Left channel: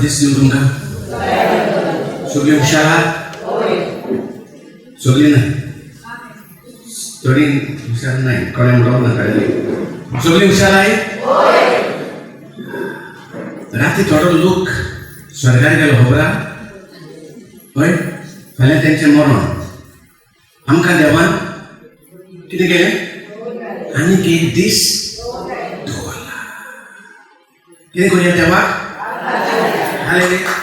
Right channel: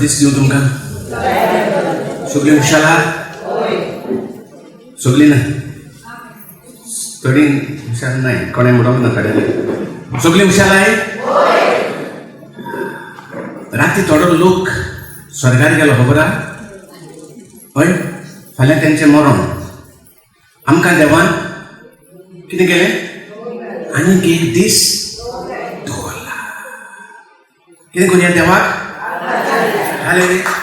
दिसली तुमकां सगळीं हुशार सगळीं ना थोडी हुशार नाही कोणे म्हणून नाका सगळीं हुशार आहे राती थोडो लोक स्वर्गात गेलो खबर हय फाल्यां तेंचें मरण आमकां देवान कितें केलें आनीक एक दीस दवरला कितें करूया देवाक हालेलुया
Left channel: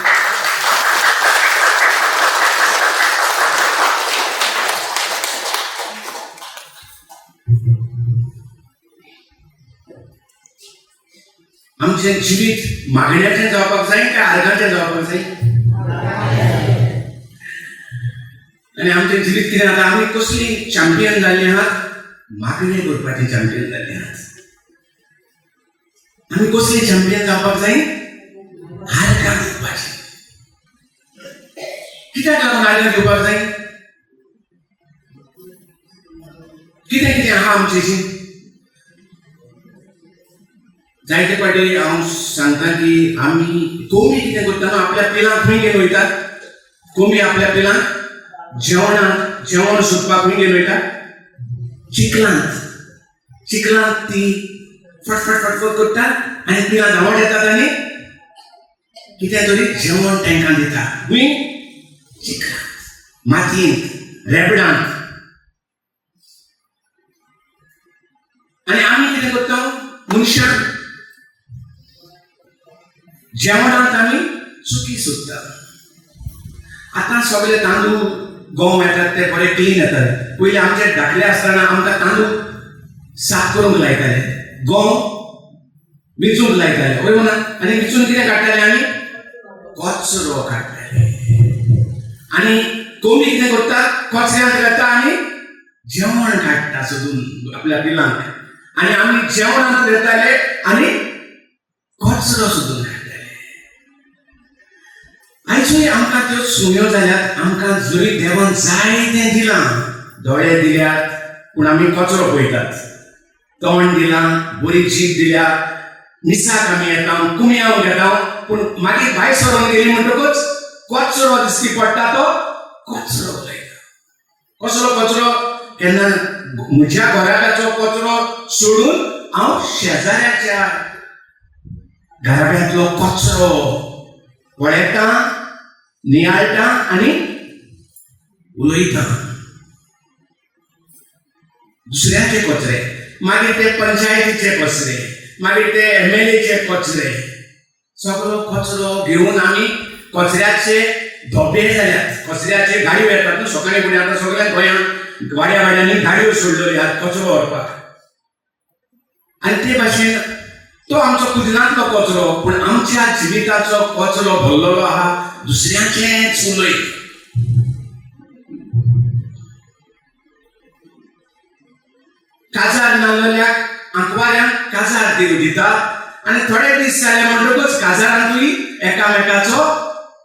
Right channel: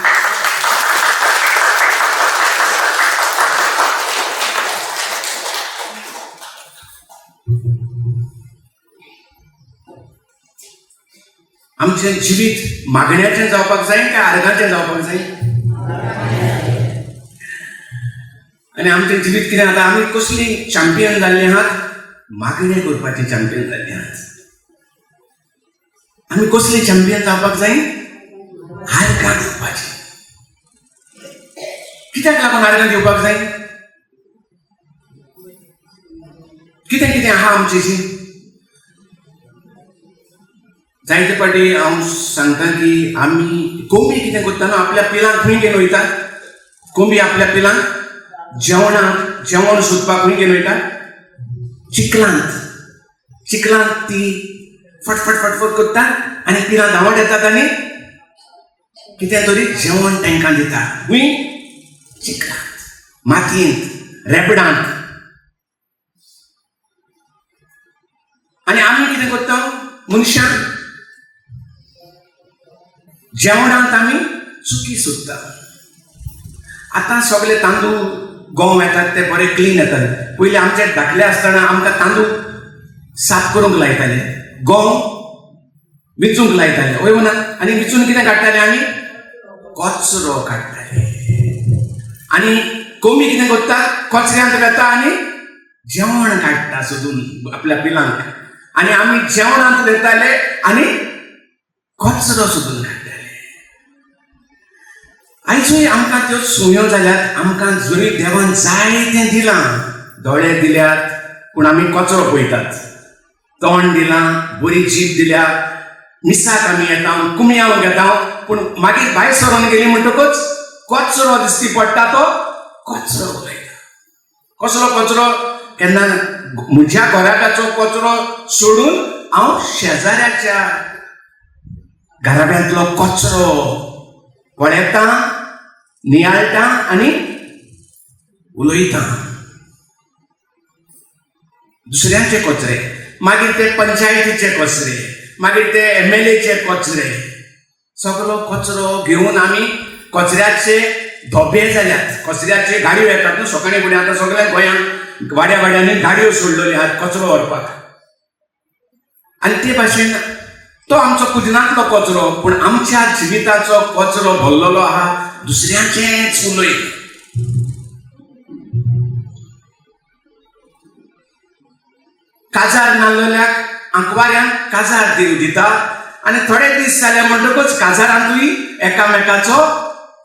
आमचे जिवीत मागण्याचें जावपाक जाय काय आर्गाचें जावपाक जाय आनी आमचें जिवीत कितें जाता आमी कसली चॅम्पियन जाल्ली आहात मागणे करपाची चॅम्पियन जाल्ली आहात आमी कसली चॅम्पियन जावपाक जाय आर्गां दिवपाची कित्याक लागून आर्गां दिवपाक जाय कितें कितें आहा आमचेशी जायते फावटी हांव सांगता की आमी कोंबी कितें करता न्हू आपल्या पिलांक खंय घेवन वयतात कोंबी आपल्या पिलांक जेवण सोदपाक खंय घेवन वयतात चिखलांत ती फटफट फटफट करतात आनी पिलां धांवत येतात आनी कितें तरी जेवण तांकां दितात खंय चिखलांत मातयेंत रेबडांत आनी आमी कितें करता मनशां जेवणांत आमी चुकी सोदता आतां सगळे तांदूळ गंव येतात ते बरे क्लीन येतात पयलीं आमचे धाकले आसतना आमकां तांदूळ साफ करूंक लायताले गंव विचूंक लायताले वय म्हणा आनी विचून कितें काडटाले आमी कचरो काडटाले आनी कोंबी कितें करता कचऱ्यांत घालता आनी जेवण काडटा सोदून आपल्या पिलांक आनी आमी जेवणांत वयताले आनी कचरो सोदून काडटाले आयजूय आमकां त्यो सुण्यो जाल्यात आमकां जरी देवान जाय तें दिलां दोळे दिल्यात पूण आमी कचरो पळयतात तोंड दिलां बरी जीब दिल्या मिसाक आमी येता कुमयाव घेता पूण मागीर भायर सरोन गेली म्हणटकूच कचरो दिश्टी पडटा तो कचरो पळयता कचरो केन्ना म्हज्या घराकाचो कचरो सोडून हांव शेजाऱ्याच्या घराब्यांतलो कचरो पळयता नियाळटा आनी उलयता दुसऱ्यांचे कचरे मागीर ते पंचायतीचे कचरे मागीर ते MLAचे कचरे सगळो कचरो घेवन आमी कचऱ्याचे धोबे जाल्यात कचऱ्याचे गाडयो येतात न्हू सकाळी फुडें आतां सगळ्या गोंयांत वाड्यांनी गाडयो सोडलेल्यो आहात कचरो व्हरपाक आनी ते भाशेन तो आमचो कुदिनांतलो कचरो पूण आमच्या जिविताचो कचरो भरलेलो आहा दुसऱ्याचेंच उलय काजार नाल्लल्याक आंकवाऱ्यांक काजार दिता आनी थोडे दीस जाले म्हणटकूच काजारांतूय एकामेकाचो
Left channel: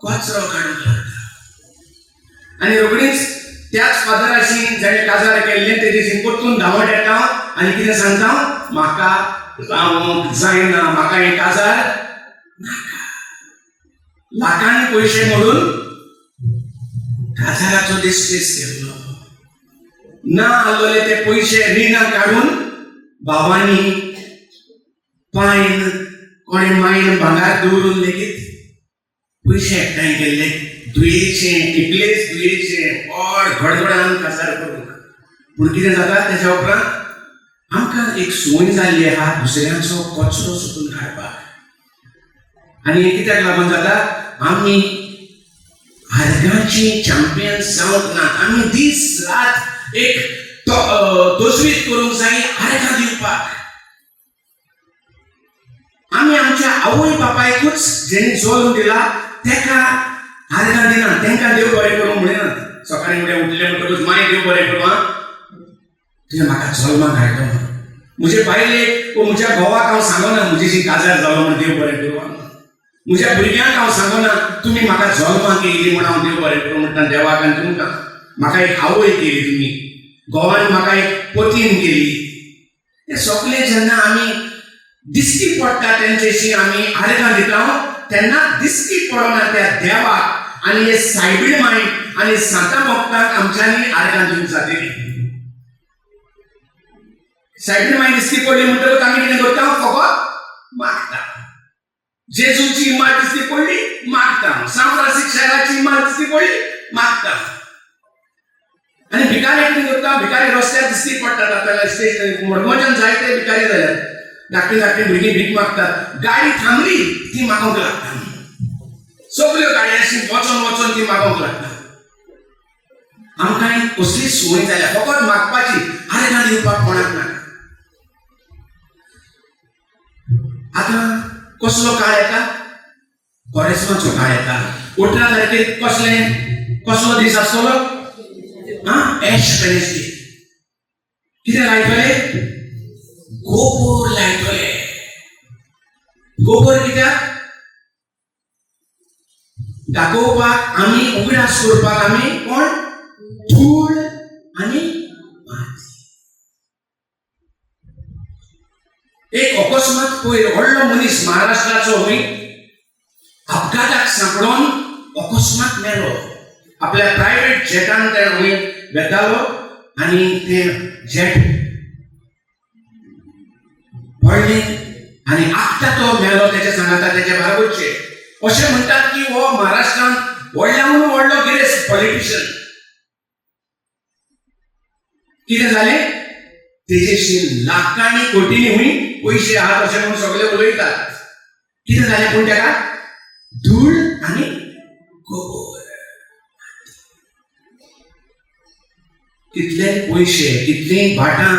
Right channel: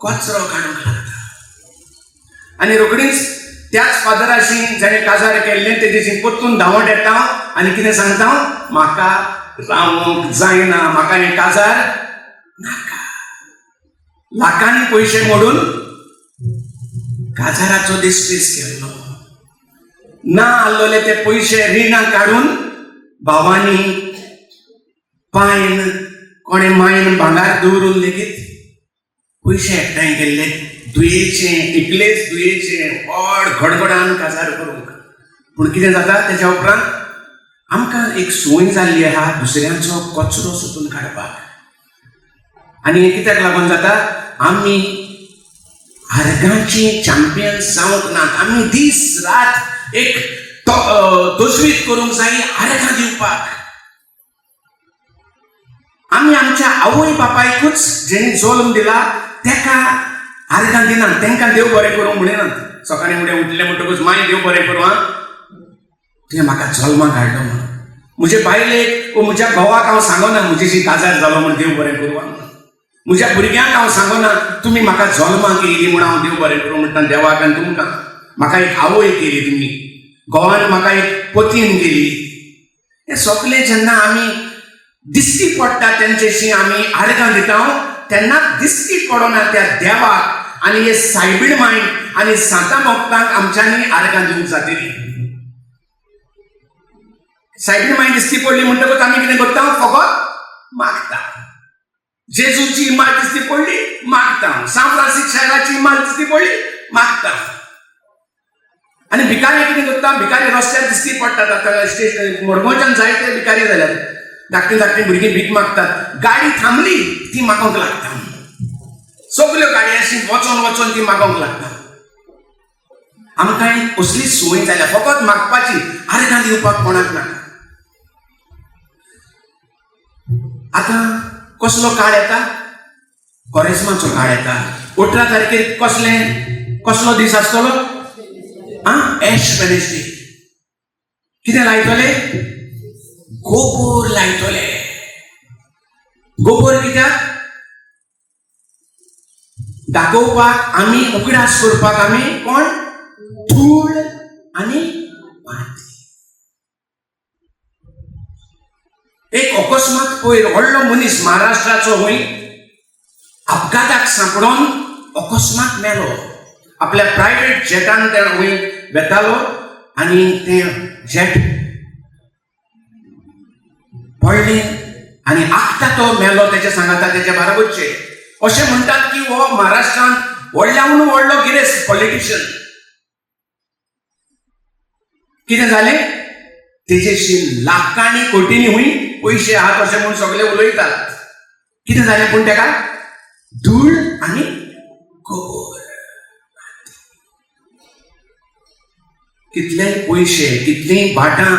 कचरो काडूंक लागता आनी रोखडीच त्याच फादराशी जाणें काजार केल्लें ते दिशी परतून धांवत येता आनी कितें सांगता म्हाका रावूंक जायना म्हाका हें काजार नाका लाखांनी पयशे मोडून काजाराचो डिस्ट्रेस केल्लो ना आसलोले ते पयशे रिणां काडून भावांनी पायन कोणे मायन भांगार दवरून लेगीत पयशे एकठांय केल्ले दुयेचें इकलेच दुयेचें व्हड गडबडान काजार करूंक पूण कितें जाता तेच्या उपरांत आमकां एक सोय जाल्ली आहा दुसऱ्यांचो कचरो सोदून काडपाक आनी हें कित्याक लागून जाता आमी आर्गांची चॅम्पियन जावंक ना आमी दीस रात एक तजवीज करूंक जाय आर्गां दिवपाक आमी आमच्या आवय बापायकूच जेणे जल्म दिला तेका आर्गां दिना तांकां देव बरें करूं म्हणिनात सकाळीं फुडें उठले म्हणटकूच माय देव बरें करूं आं तुवें म्हाका जल्माक हाडलो म्हण म्हजे बायलेक वा म्हज्या घोवाक हांव सांगना म्हजेशी काजार जालो म्हण देव बरें करूं आं म्हज्या भुरग्यांक हांव सांगना तुमी म्हाका जल्माक येयली म्हण हांव देव बरें करूं म्हणटा देवाक आनी तुमकां म्हाका एक आवय केली तुमी घोवान म्हाका एक पतीन केली हे सगळे जेन्ना आमी दिश्टी पडटा तेंचेशी आमी आर्गां दिता त्यांना दिसती पडोना त्या देवाक आणि हे सायबीड मायंड आणि सांता मोगताक आमच्यांनी आर्गां दिवंक जातली. सायबीड मायंड दिसती पडली म्हणटकच आमी कितें करता, फकत मागता. जेजूची इमारत दिसती पडली मागता, सान फ्रांसिस शाराची इमारत दिसती पडली मागता. आणि भिकारी कितें करता, भिकारी रस्त्यार दिसती पडटात. आतां स्टेशन मडगांवच्यान जायते भिकारी जाल्यात, धाकटी धाकटी भुरगीं भीक मागतात. गाडी थांबली ती मागोंक लागता, सगल्यो गाडयो अशी वचोन वचोन ती मागोंक लागता. आमकां कसली संवय जाल्या फकत मागपाची, आर्गां दिवपाक कोणाक ना. आतां कसलो काळ येता, कोरेस्माचो काळ येता. 18 तारखेक कसलो दीस आसतलो, एश वेडनेसडे. कितें लायतले, गोबोर लायतले. गोबोर कित्याक, दाखोवपाक आमी उगडास करपाक आमी कोण, धूळ आनी माती. एक अकस्मात पयर व्हडलो मनीस महाराष्ट्राचो हूंय अपघाताक सांपडोन अकस्मात मेलो. आपल्या प्रायवेट जेटान ते हूंय वेतालो आनी तें जेट पडलें आनी आत्ता तो मेलो. तेचे सांगाता तेचे बाराबरचे अशें म्हणटात की हो महाराष्ट्रांत व्हडल्याहून व्हडलो गिरेस्त पॉलिटिशियन. कितें जालें, तेजेशी लाखांनी कोटींनी हूंय पयशे आहात अशें म्हणून सगळे उलयतात. कितें जालें पूण तेका धूळ आनी गोबोर. कितले पयशे, कितलीं भाटां,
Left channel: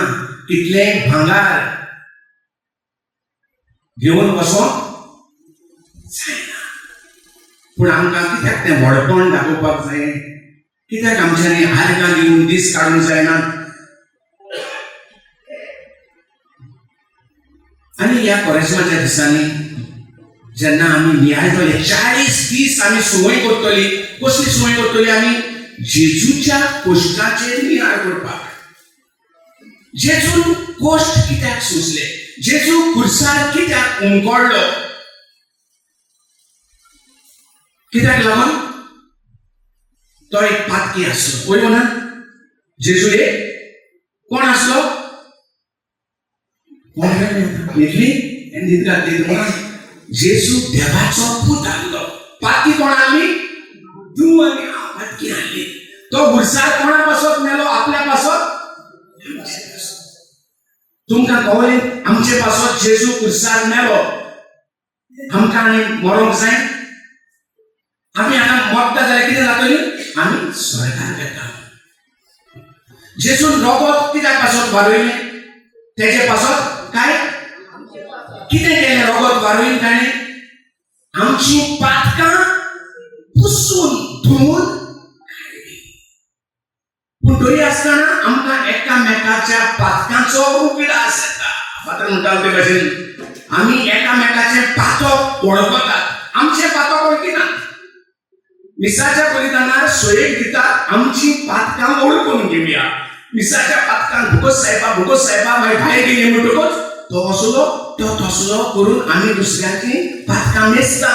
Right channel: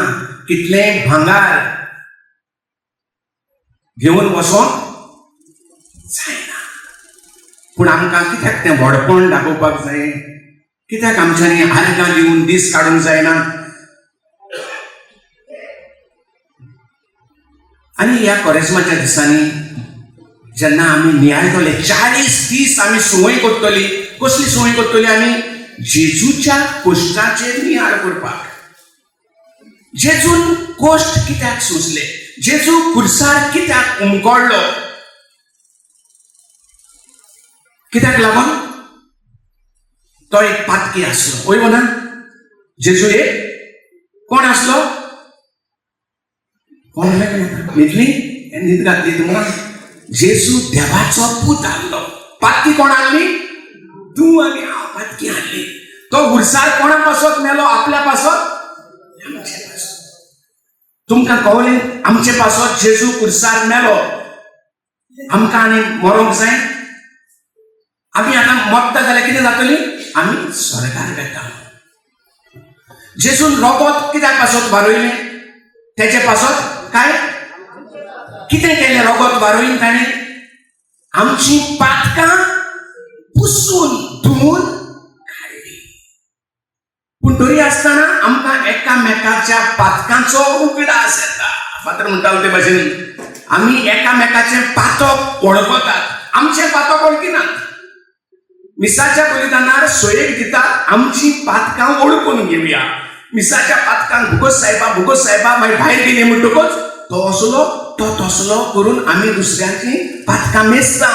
कितलें भांगार घेवन वचोंक जायना. पूण आमकां कित्याक तें व्हडपण दाखोवपाक जाय, कित्याक आमच्यांनी आर्गां दिवन दीस काडूंक जायना. आनी ह्या कोरेस्माच्या दिसांनी जेन्ना आमी नियाळटले 40 दीस आमी संवय करतली. कसली संवय करतली आमी, जेजूच्या कोश्टाचेर नियाळ करपाक. जेजून कोश्ट कित्याक सोंसले, जेजू खुर्सार कित्याक उमकोडलो, कित्याक लागून, तो एक पातकी आसलो. वय म्हणा, जेजू एक कोण आसलो, न्हिदली न्हीद घातली तुमकां. जेजू देवाचो पूत आहलो. पातकी कोण हाडली, तूं आनी हांव पातकी हाडली. तो खुर्सार कोणा पासत मेलो, आपल्या पासत. तुमकां कळ्ळें, आमचे पासत जेजू खुर्सार मेलो. आमकां आनी मरोंक जाय. आमी आतां मरता जाल्यार कितें जातली, आमी स्वर्गान वेता. जेजून रोगोत कित्याक पासत वारयलें, तेचे पासत काय कितें केलें रोगोत वारयलें ताणें, आमची पातकां पुसून धुवन काडली. पूण तरी आसतना आमकां एकामेकाच्या पातकांचो उगडास येता. फातर म्हणटालो ते भाशेन आमी एकामेकाचे पातक वळखतात, आमचे पातक वळखिनात. मिसाच्या बलिदानार सोयेक दितात, आमची पातकां ओळखून घेवया. मिसाच्या पातकांक भुगोस साहेबा मागीर भायर गेली म्हणटकच तो असलो तो तसलो करून आमी दुसऱ्याची पातकां मेजता.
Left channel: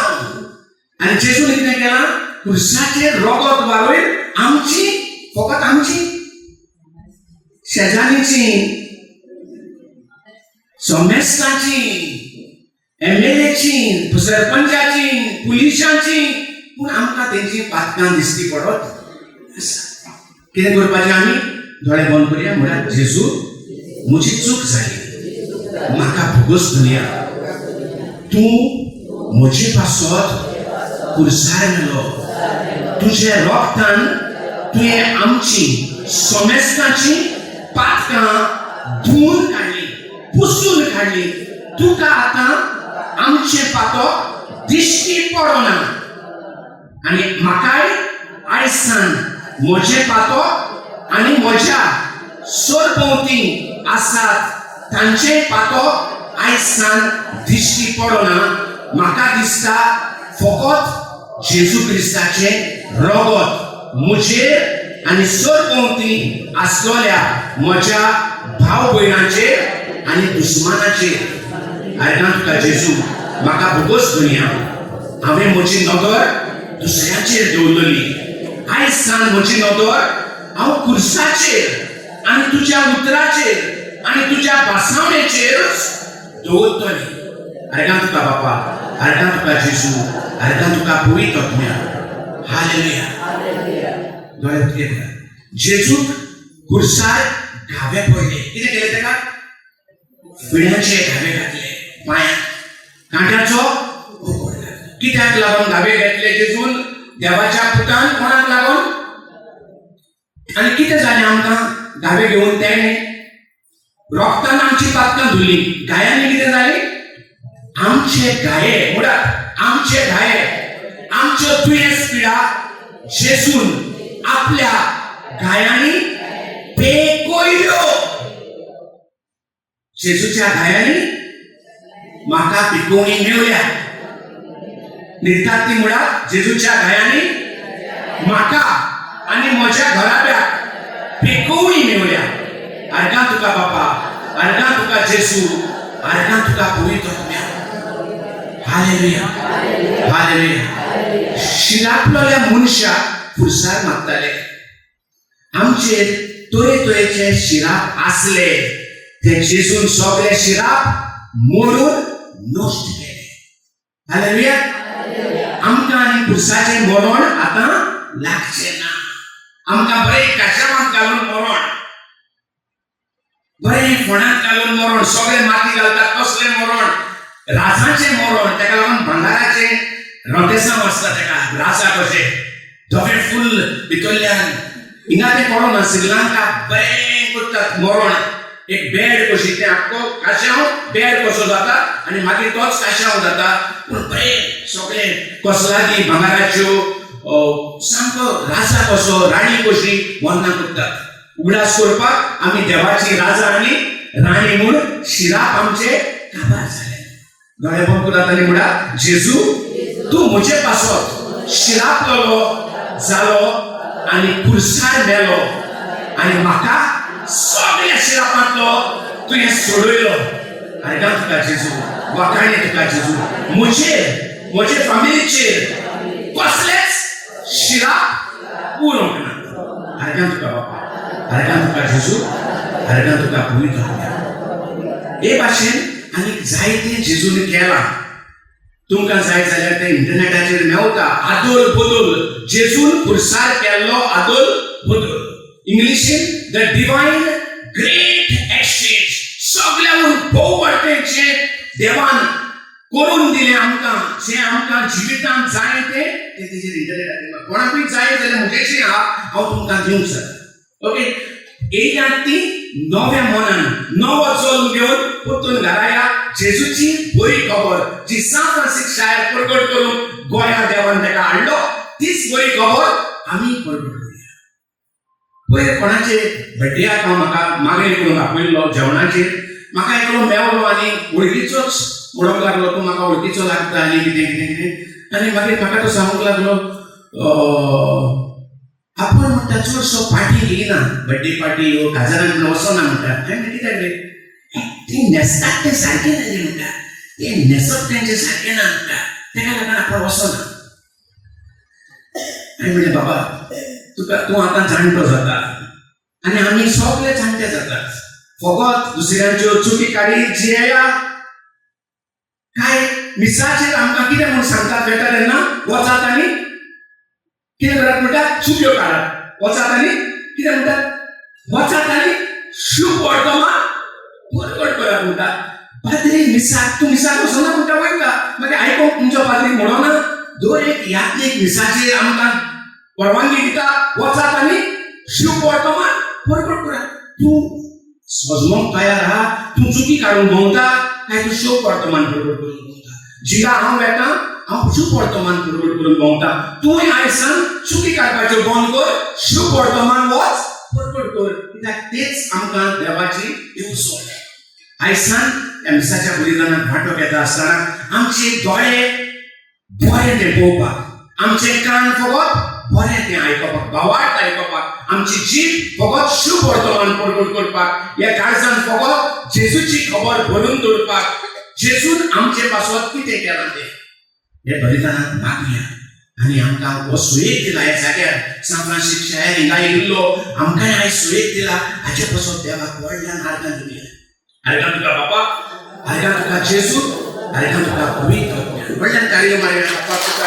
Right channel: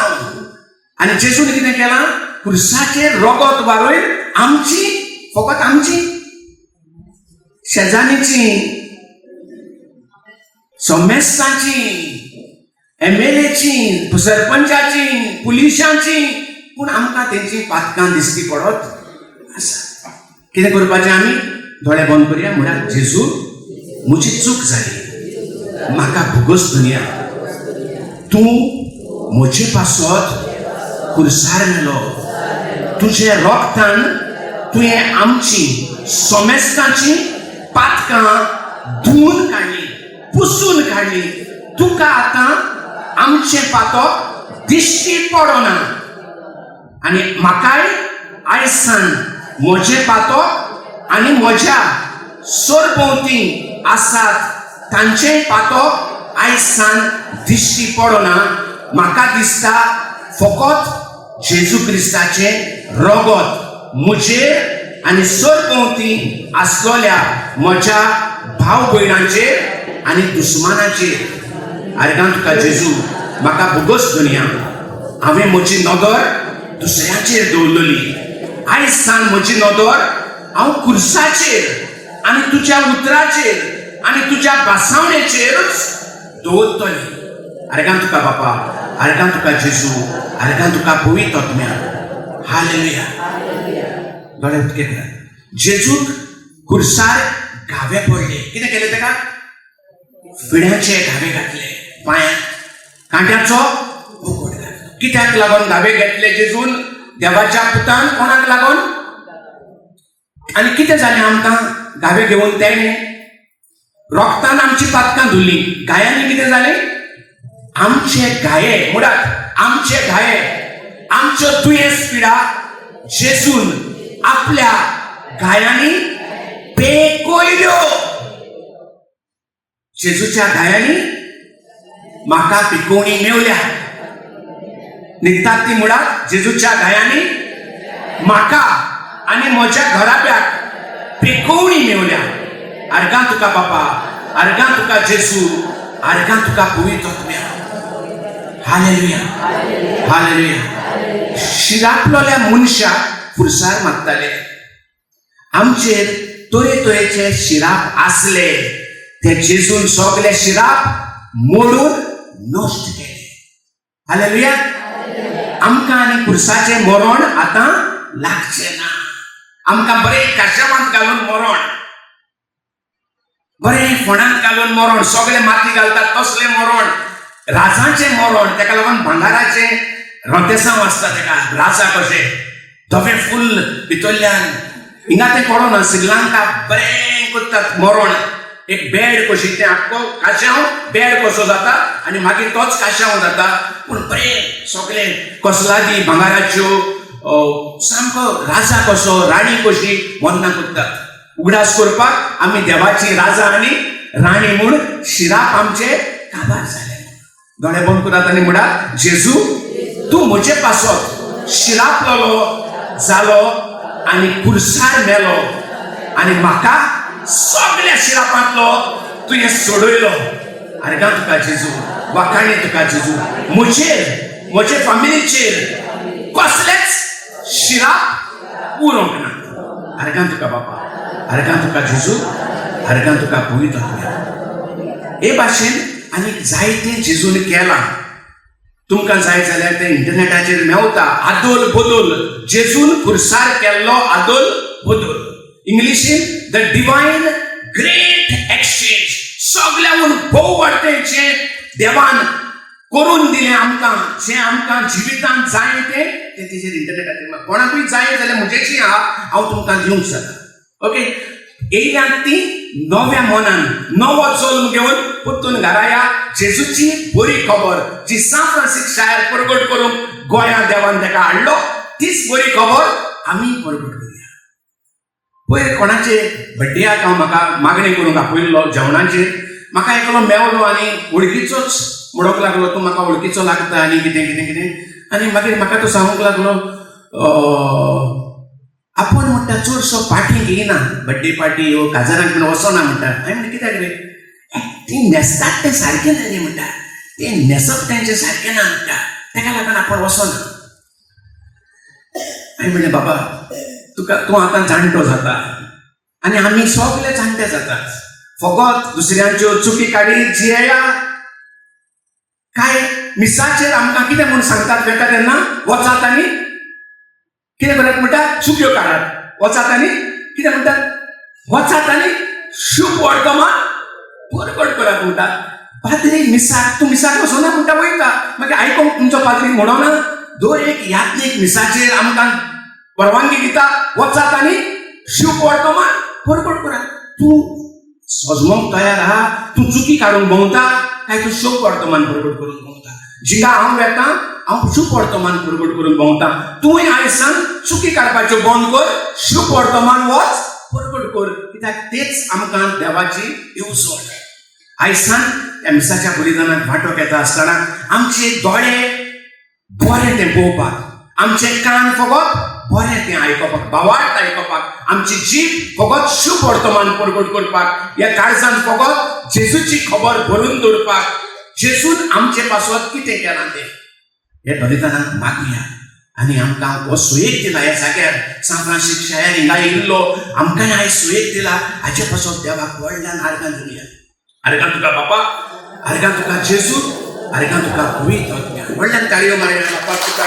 आनी जेजून कितें केलां, खुर्साचेर रोगोत वारयन आमची, फकत आमची, शेजान्नीची, सोमेस्ताची, MLAची, सरपंचाची, पुलिसांची, पूण आमकां तेंची पातकां दिसती पडत आसा. कितें करपाचें आमी, दोळे बंद करया म्हळ्यार जेजू म्हजी चूक जाली, म्हाका भुगोस दुनिया, तूं म्हजे पासत खुर्सार मेलो, तुजे रोगतान तुवें आमची सोमेस्ताची पातकां धुवन काडली, पुसून काडली. तुका आतां आमचे पातक दिश्टी पडना. आनी म्हाकाय आयज सान म्हजे पातक आनी म्हज्या सरभोंवती आसात तांचे पातक आयज सान दिश्टी पडना. म्हाका दिसता फकत जेजू क्रिस्ताचे रोगोत म्हजेर आनी सरभोंवती आसलेल्या म्हज्या भाव भयणांचेर आनी दुस्मानाचेर. आयकां तुका जेजू, म्हाका भुगोस दुनिया. हांवें म्हजी नदर दुसऱ्याचेर दवरलेली. आयज सान म्हजी नदर हांव खुर्साचेर आनी तुज्या उतराचेर आनी तुज्या भासावणेचेरच दवरतलें. आर्गां तुका बापा, आर्गां तुका जेजू, आर्गां तुका पवित्र आत्म्या. हालेलुया. दोळे उक्ते कर. जेजूक खुर्सार घावे पडले. कितें केलें तेका? फिण्याचे घावे घातले पांयांक. कांट्याचो बोकोड घातलो. कित्याक लागून घावे घातले जेजून? देवाच्या पुतान कोणाक लागून? आनी कितें जालें आमकां घावे घेवन तेणे? रोगतान आमची पातकां धुली. गायांनी कितें जालें? आमचे घाये मुळात आमचे घाये, आमच्यो दुयेंस पिडा जेजून आपल्या गायांनी पेकयल्यो. जेजूच्या गायांनी म्हाका पिकोवणी मेवल्या. न्हिदतात ती मुळात जेजूच्या गायांनी म्हाका आनी म्हज्या घराब्याक पिकोवणी मेवल्या. आर्गां तुका बापा, आर्गां तुका जेजू, आर्गां तुका पवित्र आत्म्या. हालेलुया. हालेलुया. शिरापलोल्या मनशाक खुर्सार मागताले. आमचेर तरेतरेचे शिराप आसले, ते जेजून सगळे शिराप मोडून नश्ट केले. हालेलुया. आमकां आनी खुर्साचें मरण आतां लागचें ना. आमकां बरें काशावांत घालून मरण, बरें फोंडांत घालून मरण, सगळे माती घालतात तसलें मरण, राजाचें मरण. तेका लागून भंडाराचें रोंतेसांव आसता तेका, राजा कशें धोके फुल भितरल्यान. हिंगा तें कळना, श्रीलंका बरें करतात मरण. एक बेड कशी, तें आख्खो काशाव बेड कसो जाता आनी मागीर तोच काशाव जाता. पूण बरें सगळे कसलादी भांगाराच्यो, सामको राजा कसो, राणी कशी वंदना करतात. उगडास करपाक आमी देवाची राजा आनी राणी म्हूण शिराप आमचे काबार जाले. दोळे बंद करात आनी म्हणा, जेजू तूं म्हजे पासत शिरापलो जालो आनी खुर्सार मेलो आनी म्हाका सगळ्या शिरापांतलो तुवें सोडयलो. आर्गां तुका जेजू, वाखाणी तुका जेजू. म्हजे फामिलीचेर कसलेच शिराप उरोंक ना. आर्गां तुका बापा, आर्गां तुका जेजू, आर्गां तुका पवित्र आत्म्या. हे भाशेन आनीक जायतें जेजून केलां. तुमकां जाय जाल्यार तें इंटरनेटाचेर मेवता. आदोल बदोल, जेजून खुर्सार केल्लो आदोल बदोल. इंग्लिशीन द डिवायन ग्रेट एक्सचेंज. सगळ्याहून भोव वाटेचे देवान करून दिलें आमकां. जें आमकां जिवितांत जाय तें तेजेर इंटरनेटाचेर कोणाकूय जाय जाल्यार म्हजेशी हांव तुमकां दिवंक शकता. ओके. येयल्यात ती नव्या मनान, नवो जल्म घेवन परतून घरा या. जेजूची बरी खबर जी सान फ्रांसिस शार प्रगट करून गोंया देवान ताका हाडलो, तीच बरी खबर आमी प्रगट करूया. पयर कोणाचे बड्डेयाक हांव म्हाका मागणी करून आपयल्लो जेवणाचेर. म्हाका एकलो मेवलो आनी वळखीचोच म्हणूंक लागलो, तूं म्हाका वळखीचो लागता आनी कितें कितें कितें. आनी मागीर म्हाका तो सांगूंक लागलो, आपूण म्हणटा चडसो पार्टी येयना, बड्डे पार्टी ह्यो काजारांक बीन वचना म्हणटा. हांवें कित्याक रे? ती न्हेसतात तें सारकें ना रे म्हणटा, तें न्हेसप तेंचें सारकें ना म्हणटा, तेका लागून आपूण वचना. हांवें म्हणलें बाबा तूं आतां जाणटो जाता आनी आमी सगळे जाणटे जातात. फकत दुसऱ्यांच्यो चुकी काडी जियेया. काय मिसाचेर आमकां कितें म्हूण सांगतात तेन्ना तेन्ना वचात आनी कितें करतात म्हणटात? चुक्यो काडात. वचात आनी कितें म्हणटात? वचात आनी शुभ वर्तमान परगट करात म्हणटात. पाद्री मिसाक, तूं मिसाक वचना म्हणटा वयता. मागीर आयकोंक तुमचो पाद्री म्हणना दर एक यात्रेक मिसाचेर आमकां परवानगी दिता, वचात आनी शुभ वर्तमान परगट करात. तूं सजमोंक तयार आहा? तूं चुकी काडून भोंवता काय तूं शुभ वर्तमान परगट करून भोंवता? जिका हांव येता हांव शुभ वर्तमान परगट करून भोंवता. तुवें आयज सान चुकी काडपाच्यो बंद कर, शुभ वर्तमान वच परगट कर. कित्याक तेच आमकां देवाची येवजण. आयज सान ह्या मिसाच्या बलिदानाक वांटो घेता आसतना आमचे दोळे बरें तें पळोवपाक, आमचे कान फकत बरें तें आयकपाक, भावार्थ आयकपाक, आमची जीब फकत शुभ वर्तमान परगट करपाक, ह्या काळजांत फकत जेजूची खबर भरून दवरपाक, जेजून आमचे पासत कितें केलां तें. हे बलिदानाक मागया आनी आमकां हो सुयेक दिला. हे सगळ्याक सान फ्रांसीस शाळेन हिंगा येयल्लो आमकांय आयज सुयेक दिला. हाचे पासून देवाक व्हडल्यान आर्गां दिवया. आर्गां तुका बापा, आर्गां तुका जेजू, आर्गां तुका पवित्र आत्म्या. व्हडल्यान कार्य मारया बापा तुका.